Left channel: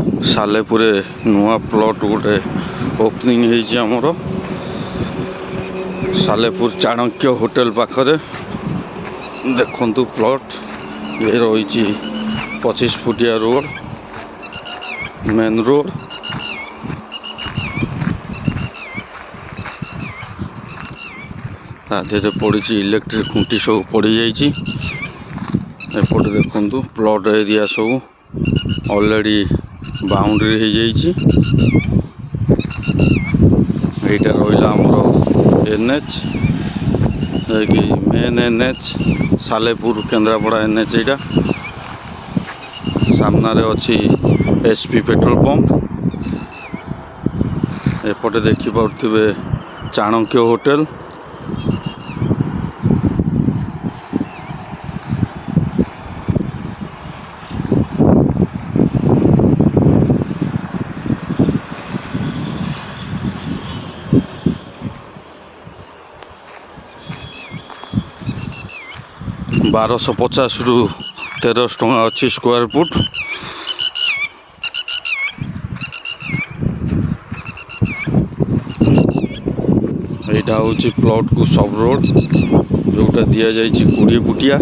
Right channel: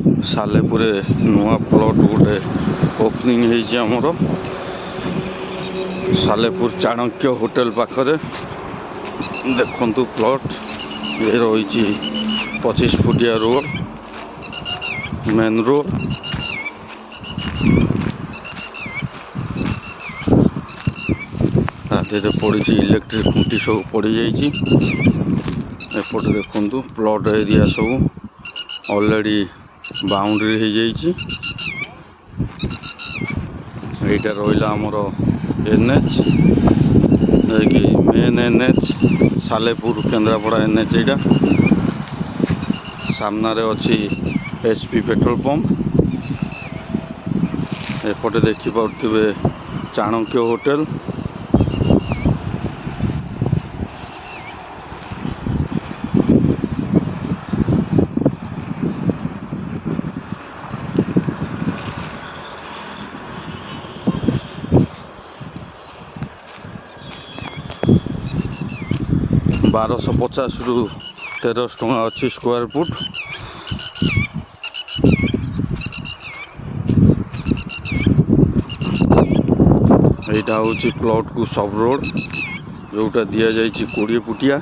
सालेपुर नुआ प्लॉट गोटे ओपनिंग होती आमर सालेपुर चाणक्य होटेल पाखरे देखु प्लॉट ये रही 25 फुटिया रोड मेन रोड आधे पड़ी इलेक्ट्रिक खुंटी सब पड़ जापटे देखु प्लॉट एरिया सब ऑलरेडी बाउंड्री हो जाटा रहा आमर एनएच कि main NH Salepur Kendrapara NH यहाँ सामने अच्छी एसपी पेट्रोल पंप एपटे देखिपे चाणक्य होटेल ₹1250 रु ₹1300 अच्छी स्क्वायर फुट यहाँ हूँ प्लॉट को सब रोड जोटा दि जाइए 20 फुटिया